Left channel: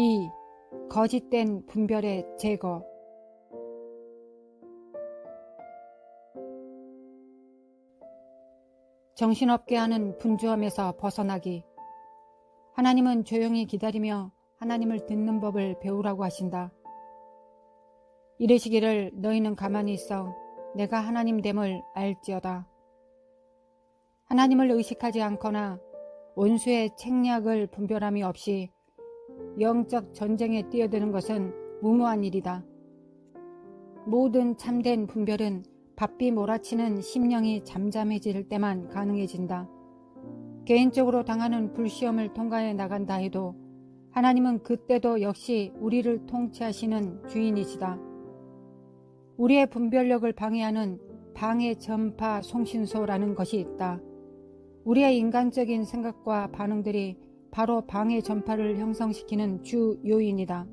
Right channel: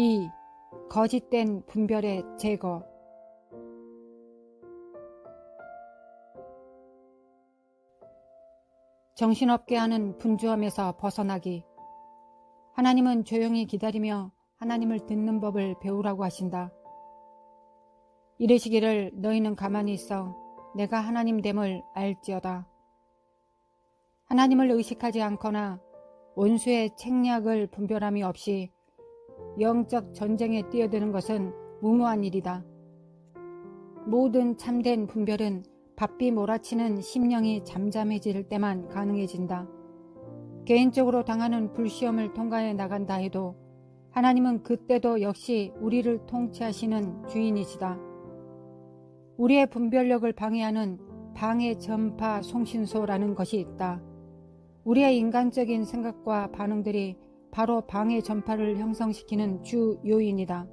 2. 거짓된 분별의 제거. 정신없게 하는 분주함에서 벗어나기. 하나님은 조용히 기다리며 하나님을 듣는 법을 배우라고 하신다. 이르시기를 너희는 가만히 있어 내가 하나님됨을 알지어다. 하나님을 의식하지 않거나 원수의 책략을 분별함이 없이 영적 전쟁에 뛰어드는 것은 무모한 일이다. 모든 참된 분별은 바삐 몰아치는 심령이 잠잠해질 때만 가능해진다. 개인적으로 당하는 불시험을 통과해 나간다 해도 하나님은 그때도 역시 우리를 통치하시는 주인이시다. 우리의 분별력을 방해하는 방해 전파 송신소라는 것이 있다. 우리의 인간적인 생각과 반응들이 바로 방해 전파를 형성시키는 주 요인이다.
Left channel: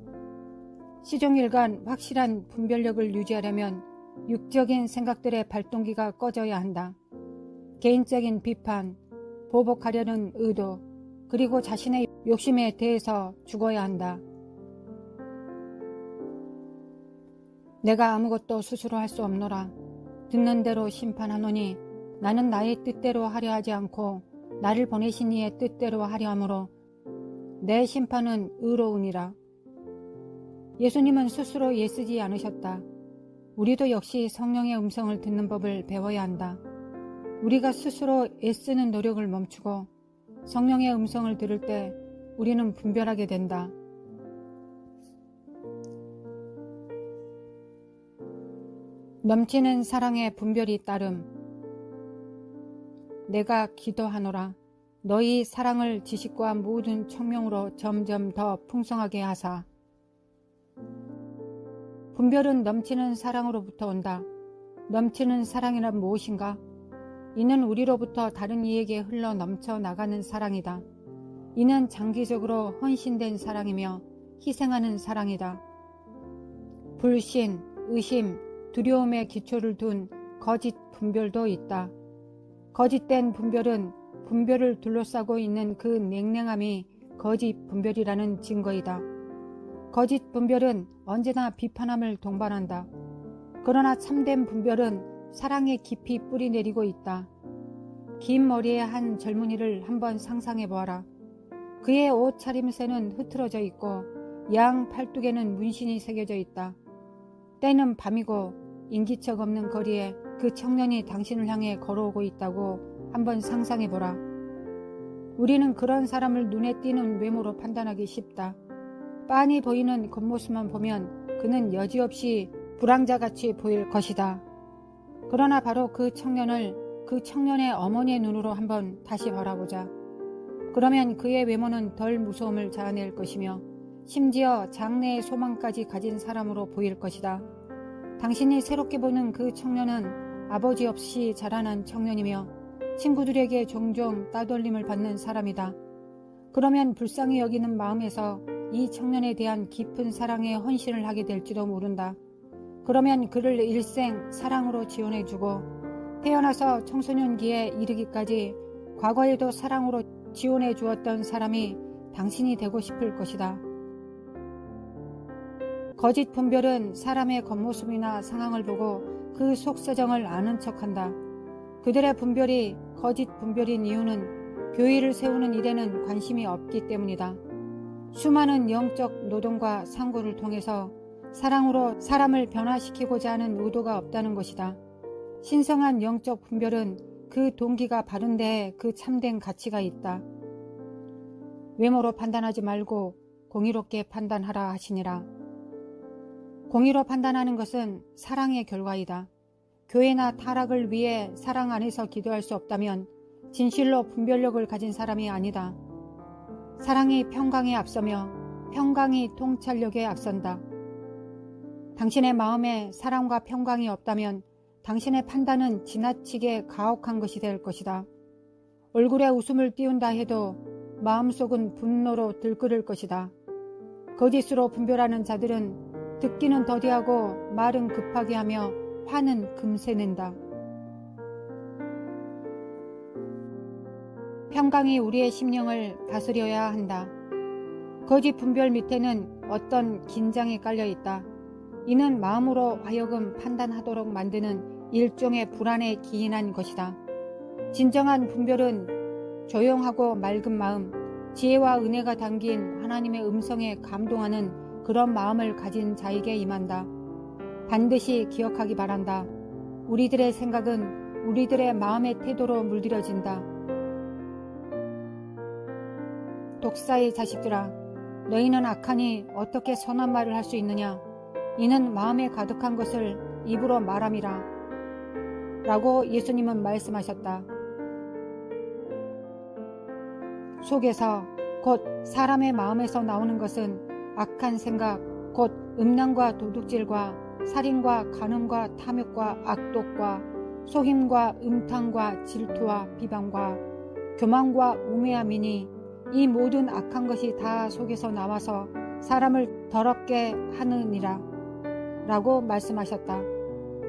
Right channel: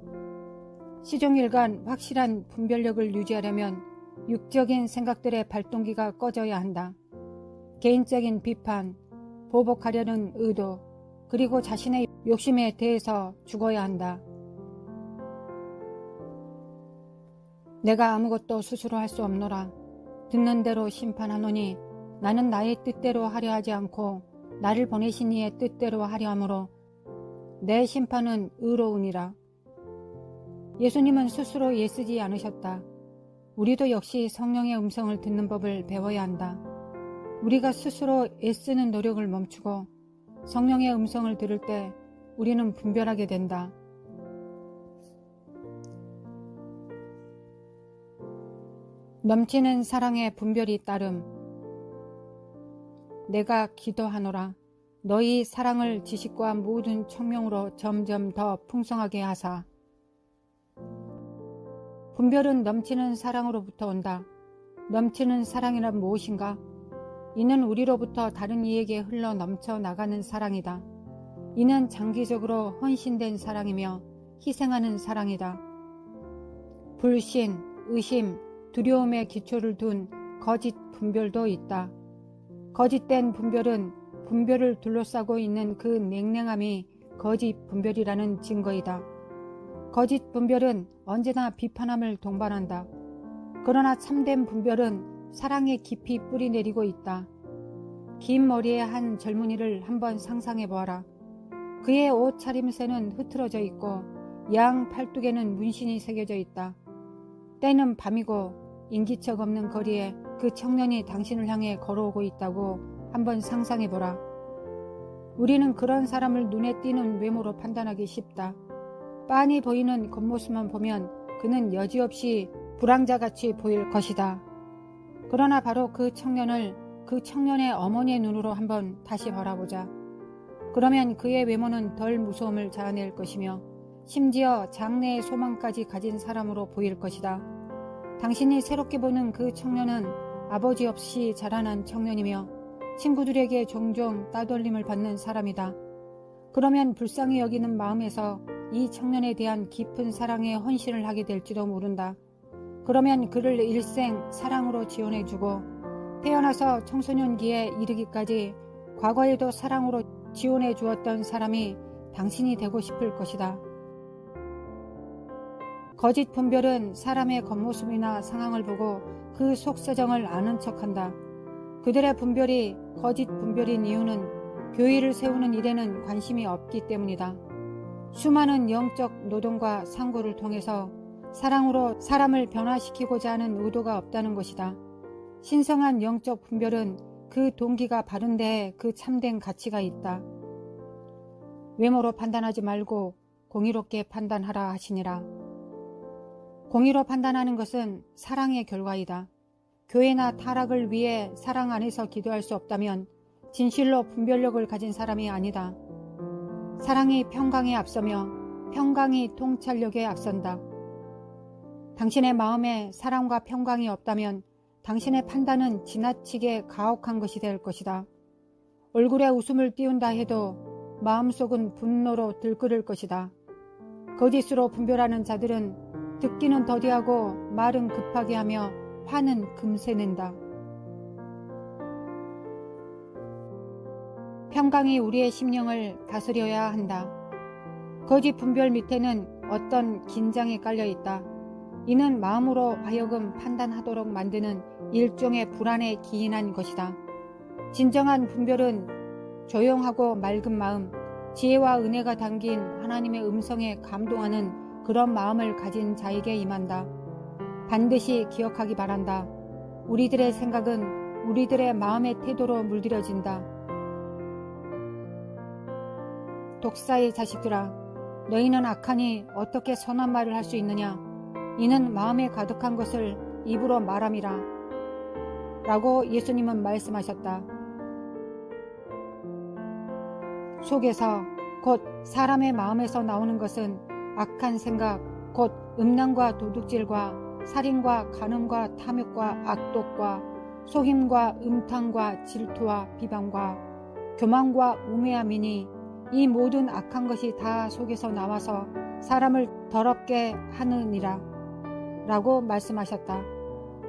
시종일관 확실한 분별력을 유지하려면 육적인 생각들의 발동기가 꺼져야 한다. 개인적인 비판, 보복하려는 의도, 그리고 자신의 욕심에 대해서 죽어야 한다. 내가 아무것도 스스로 할 수 없노라. 듣는 대로 심판하노니 나는 나의 뜻대로 하려 하지 않고 나를 보내신 이의 뜻대로 하려 하므로 내 심판은 의로우니라. 예수님은 스스로 애쓰지 않으셨다. 우리도 역시 성령의 음성을 듣는 법을 배워야 한다. 우리가 스스로 애쓰는 노력을 멈추고 성령의 음성을 들을 때 우리는 분별하게 된다. 넘치는 사랑의 분별이 따름. 내가 기도하노라. 너희 사랑을 지식과 모든 청명으로 점점 더 풍성하게 하사. 분별은 넘치는 사랑으로부터 온다. 넘치는 사랑이란 무엇인가? 이는 우리로부터 다른 이에게 흘러 넘쳐 나가는 사랑이다. 이는 장기적으로 헌신된 사랑이며 희생하는 사랑이다. 불신, 의심, 두려움에 기초를 둔 거짓 분별도 있다. 거짓된 분별은 분별을 둘러싸고 있는 그 냉랭함이 거짓 분별이라는 증거이다. 거짓 분별은 언제나 비판함을 동반한다. 그러나 참된 분별은 사랑에 깊이 뿌리 내리고 있다. 긴 머리의 한 젊은이를 한번 상상해 보아라. 그의 옷 차림새는 흐트러져 있고 양 팔뚝에는 문신이 새겨져 있다. 때는 밤이고 인기척 없는 거리에 그 청년이 당신을 향해 걸어오고 있다고 한번 상상해 보라. 우리는 그런 사람을 눈에 띄는 외모로 판단하기 쉽다. 빤히 보이는 겉모습만 보면 그는 여지없이 불황자같이 보일 것이다. 그러나 바로 그 청년을 그 청년의 어머니의 눈으로 한번 다시 바라보자. 그러면 그의 외모는 덜 무서움을 자아낼 것이며 심지어 장래의 소망까지 가진 사람으로 보일 것이다. 당신이 새롭게 보는 그 청년은 아버지 없이 자라난 청년이며 친구들에게 종종 따돌림을 받는 사람이다. 그러면 불쌍히 여기는 마음에서 이 청년에 대한 깊은 사랑에 헌신을 하게 될지도 모른다. 그러면 그를 일생 사랑으로 지원해주고 태어나서 청소년기에 이르기까지 과거에도 사랑으로 지원해 주었던 사람이 당신이 되고 싶을 것이다. 거짓 분별은 사람의 겉모습이나 상황을 보고 그 속사정을 아는 척한다. 그들의 분별이 거짓 분별인 이유는 교회를 세우는 일에는 관심이 없기 때문이다. 수많은 영적 노동과 상고를 통해서 사랑으로 사람을 변화시키고자 하는 의도가 없다는 것이다. 신성한 영적 분별은 그 동기가 바른 데에 그 참된 가치가 있다. 외모로 판단하지 말고 공의롭게 판단하라 하시니라. 공의로 판단하는 것은 사랑의 결과이다. 교회나 타락을 위해 사랑 안에서 기도할 수 없다면 진실로 분별력을 가진 사람이 아니다. 사랑이 평강에 앞서며 평강이 통찰력에 앞선다. 당신의 마음에 사랑과 평강이 없다면 당신의 판단은 지나치게 가혹한 것이 될 것이다. 얼굴에 웃음을 띄운다 해도 마음속은 분노로 들끓을 것이다. 거짓으로 분별하는 자들은 듣기는 더디하고 말은 급하게 하며 화는 금세 낸다. 평강이 우리의 심령을 다스려야 한다. 거짓 분별 밑에는 어떤 긴장이 깔려 있다. 이는 마음으로 하여금 판단하도록 만드는 일종의 불안에 기인한 것이다. 진정한 분별은 조용하고 맑은 마음, 지혜와 은혜가 담긴 하나님의 음성에 감동하는 그런 마음을 가진 자에게 임한다. 반드시 기억하기 바란다. 우리들의 생각은 우리들의 마음의 태도로 물들여진다. 독사의 자식들아, 너희는 악하니 어떻게 선한 말을 할 수 있느냐? 이는 마음에 가득한 것을 입으로 말함이라. 라고 예수님은 말씀하셨다. 속에서 곧 사람의 마음에서 나오는 것은 악한 생각, 곧 음란과 도둑질과 살인과 간음과 탐욕과 악독과 속임과 음탕과 질투와 비방과 교만과 우매함이니 이 모든 악한 것이 다 속에서 나와서 사람을 더럽게 하느니라 라고 말씀하셨다.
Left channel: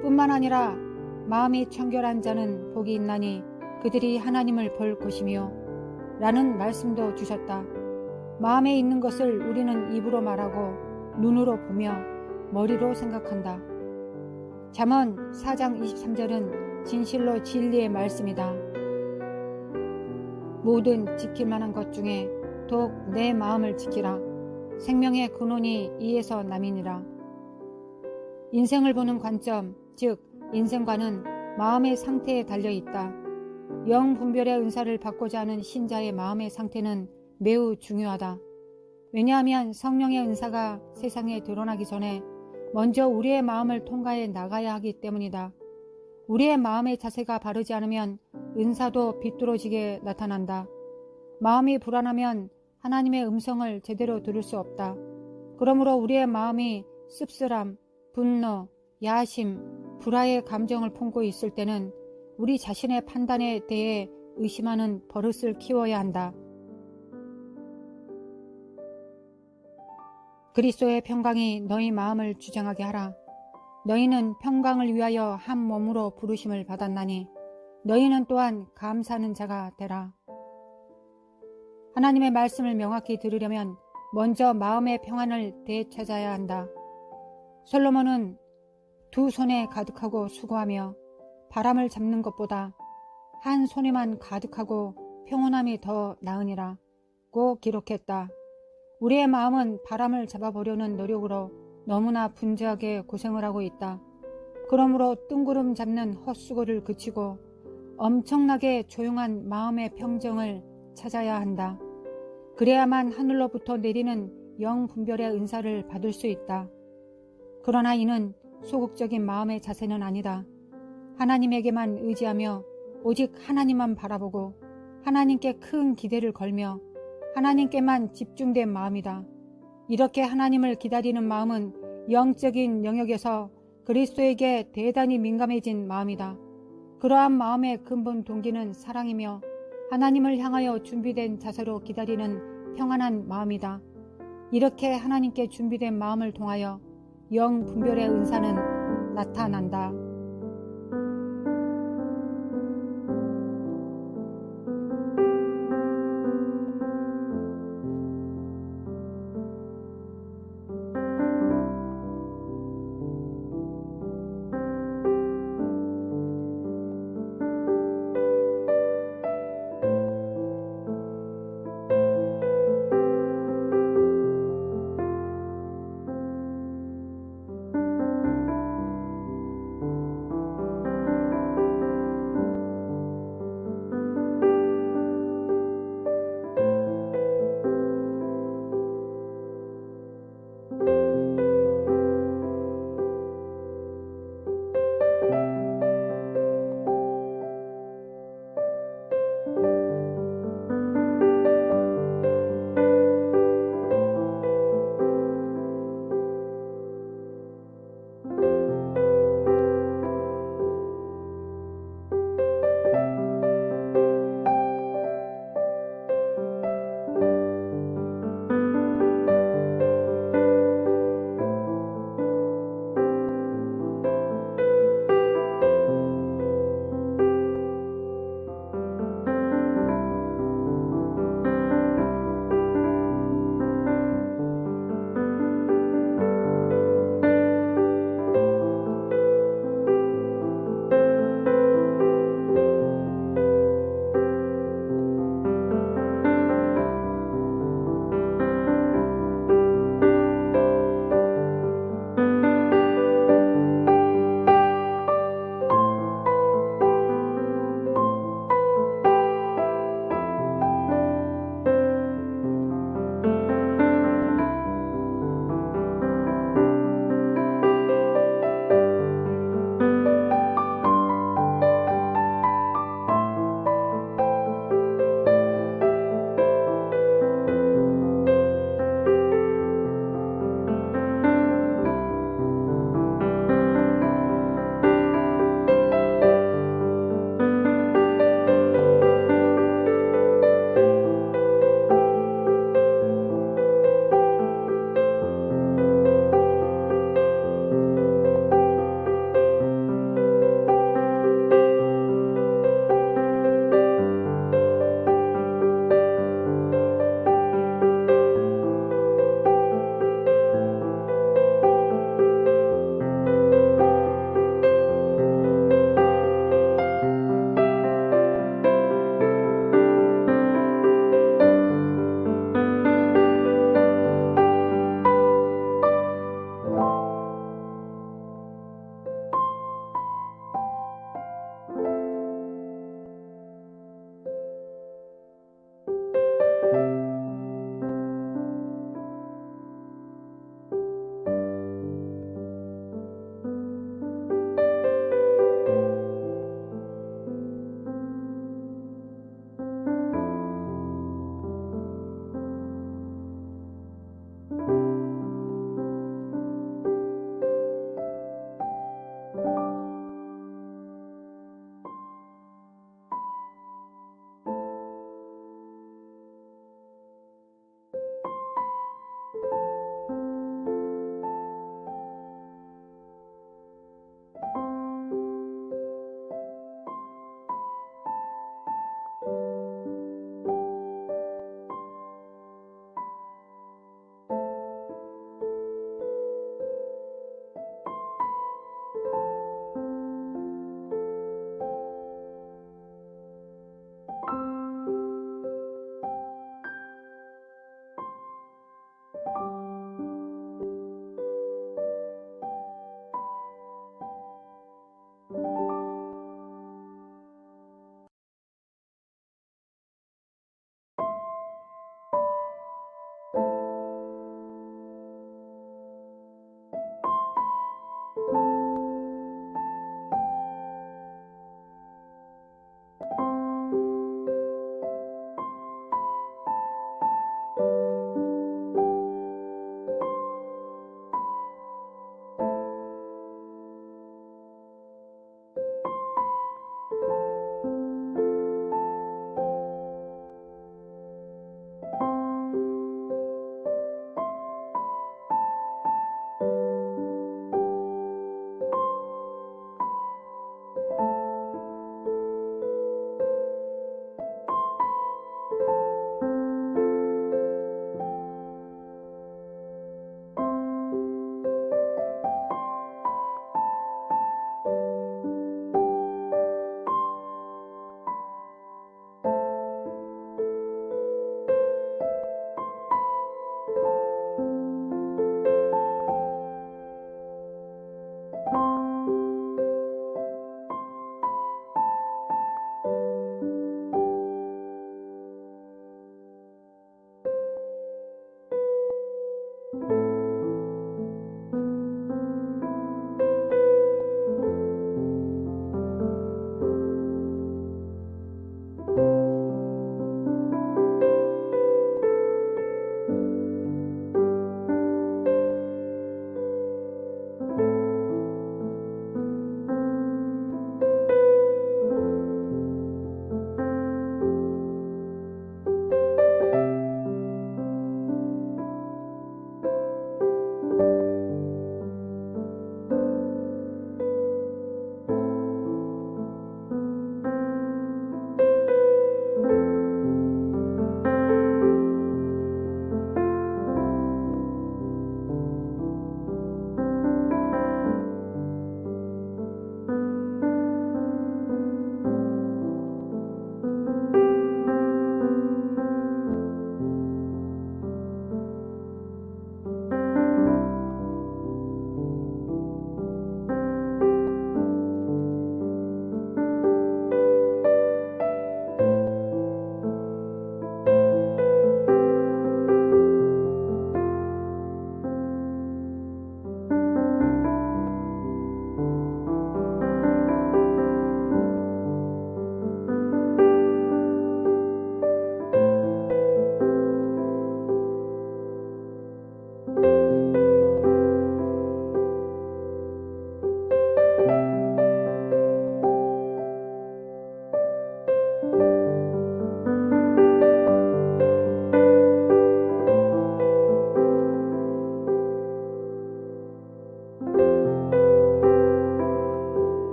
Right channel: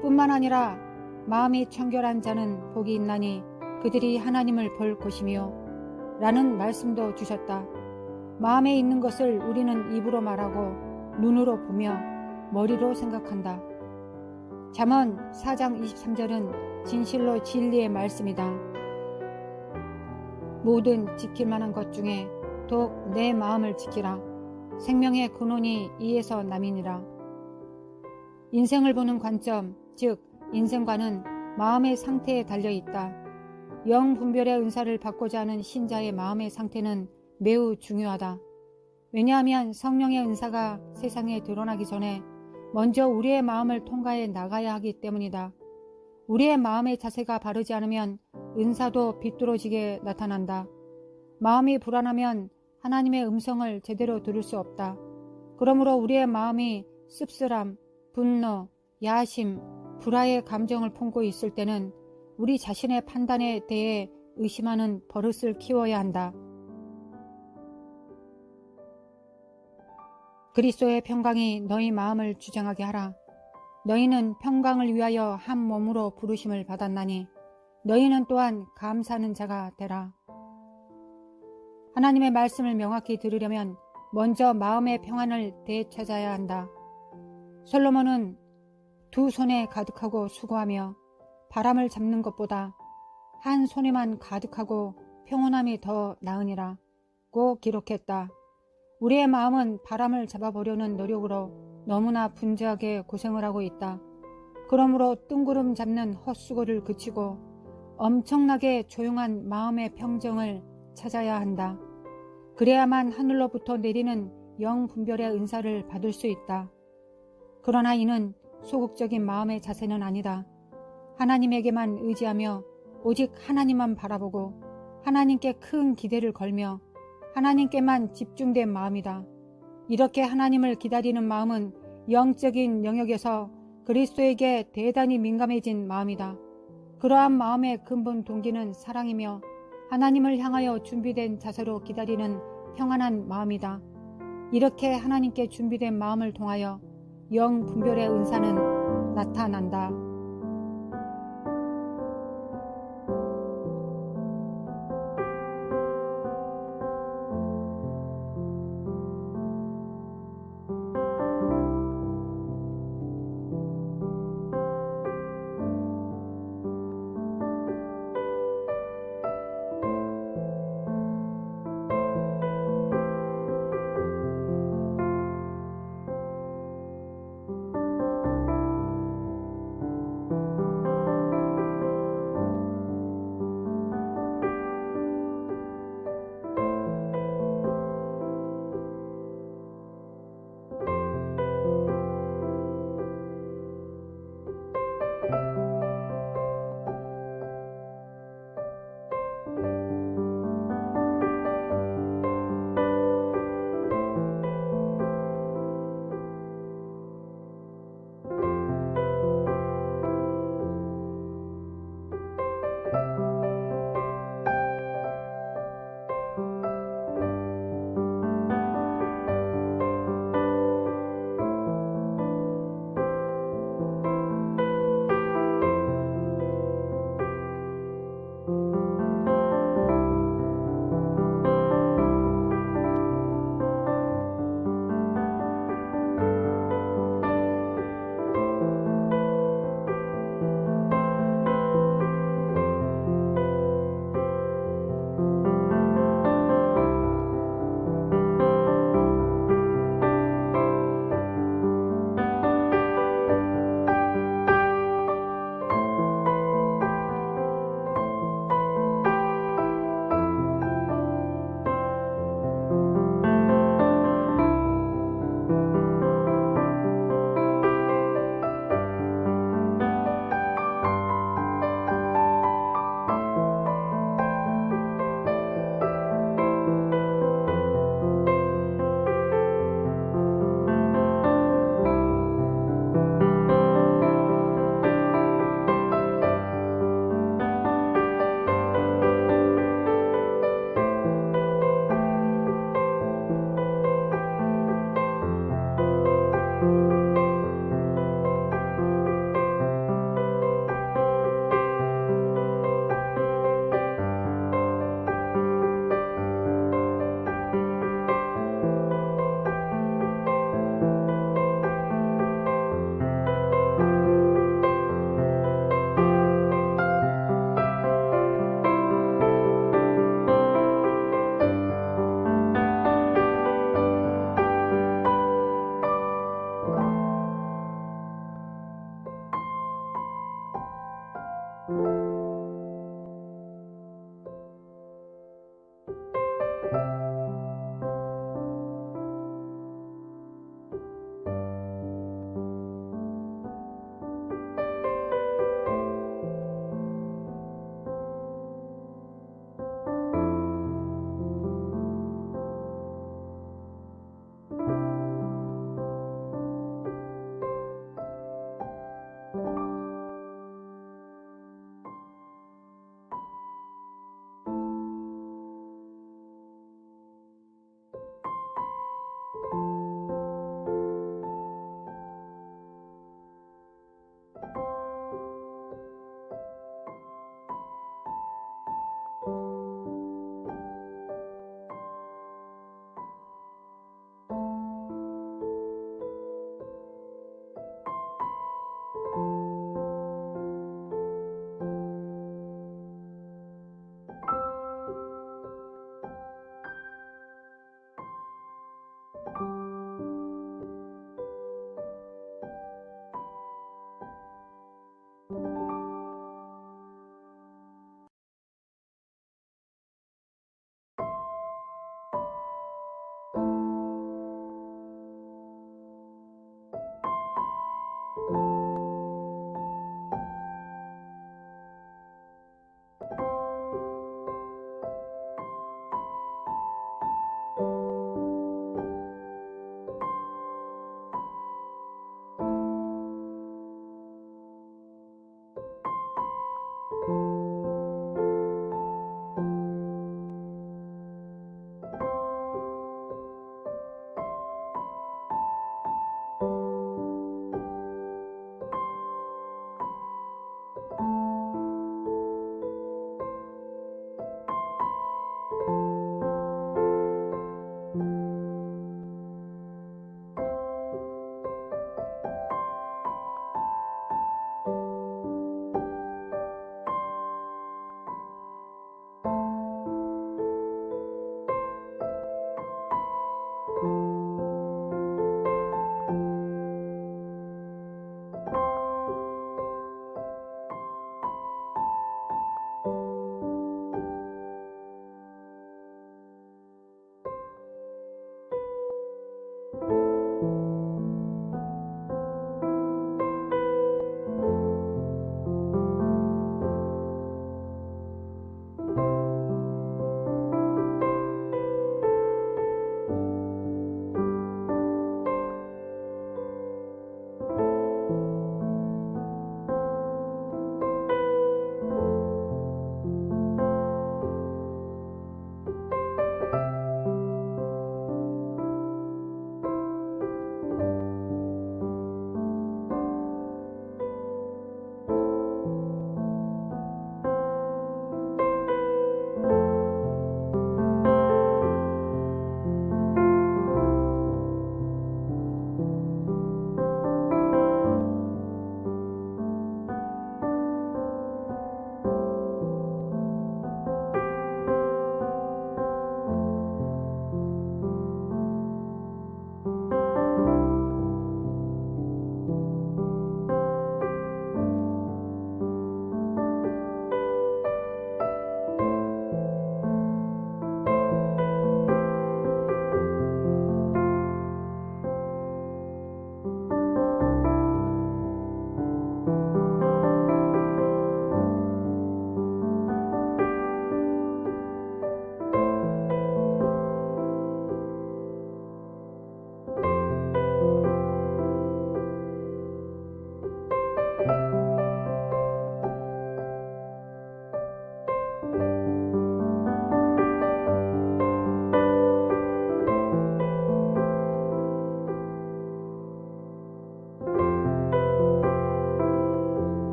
뿐만 아니라 마음이 청결한 자는 복이 있나니 그들이 하나님을 볼 것이며 라는 말씀도 주셨다. 마음에 있는 것을 우리는 입으로 말하고 눈으로 보며 머리로 생각한다. 잠언 4장 23절은 진실로 진리의 말씀이다. 모든 지킬 만한 것 중에 더욱 내 마음을 지키라. 생명의 근원이 이에서 남이니라. 인생을 보는 관점, 즉 인생관은 마음의 상태에 달려 있다. 영 분별의 은사를 받고자 하는 신자의 마음의 상태는 매우 중요하다. 왜냐하면 성령의 은사가 세상에 드러나기 전에 먼저 우리의 마음을 통과해 나가야 하기 때문이다. 우리의 마음의 자세가 바르지 않으면 은사도 비뚤어지게 나타난다. 마음이 불안하면 하나님의 음성을 제대로 들을 수 없다. 그러므로 우리의 마음이 씁쓸함, 분노, 야심, 불화의 감정을 품고 있을 때는 우리 자신의 판단에 대해 의심하는 버릇을 키워야 한다. 그리스도의 평강이 너희 마음을 주장하게 하라. 너희는 평강을 위하여 한 몸으로 부르심을 받았나니 너희는 또한 감사하는 자가 되라. 하나님의 말씀을 명확히 들으려면 먼저 마음의 평안을 되찾아야 한다. 솔로몬은 두 손에 가득하고 수고하며 바람을 잡는 것보다 한 손에만 가득하고 평온함이 더 나으니라고 기록했다. 우리의 마음은 바람을 잡아보려는 노력으로 너무나 분주하게 고생을 하고 있다. 그러므로 뜬구름 잡는 헛수고를 그치고 엄청나게 조용한 마음의 평정을 찾아야 한다. 그래야만 하늘로부터 내리는 영분별의 은사를 받을 수 있다. 그러나 이는 소극적인 마음의 자세는 아니다. 하나님에게만 의지하며 오직 하나님만 바라보고 하나님께 큰 기대를 걸며 하나님께만 집중된 마음이다. 이렇게 하나님을 기다리는 마음은 영적인 영역에서 그리스도에게 대단히 민감해진 마음이다. 그러한 마음의 근본 동기는 사랑이며 하나님을 향하여 준비된 자세로 기다리는 평안한 마음이다. 이렇게 하나님께 준비된 마음을 통하여 영분별의 은사는 나타난다.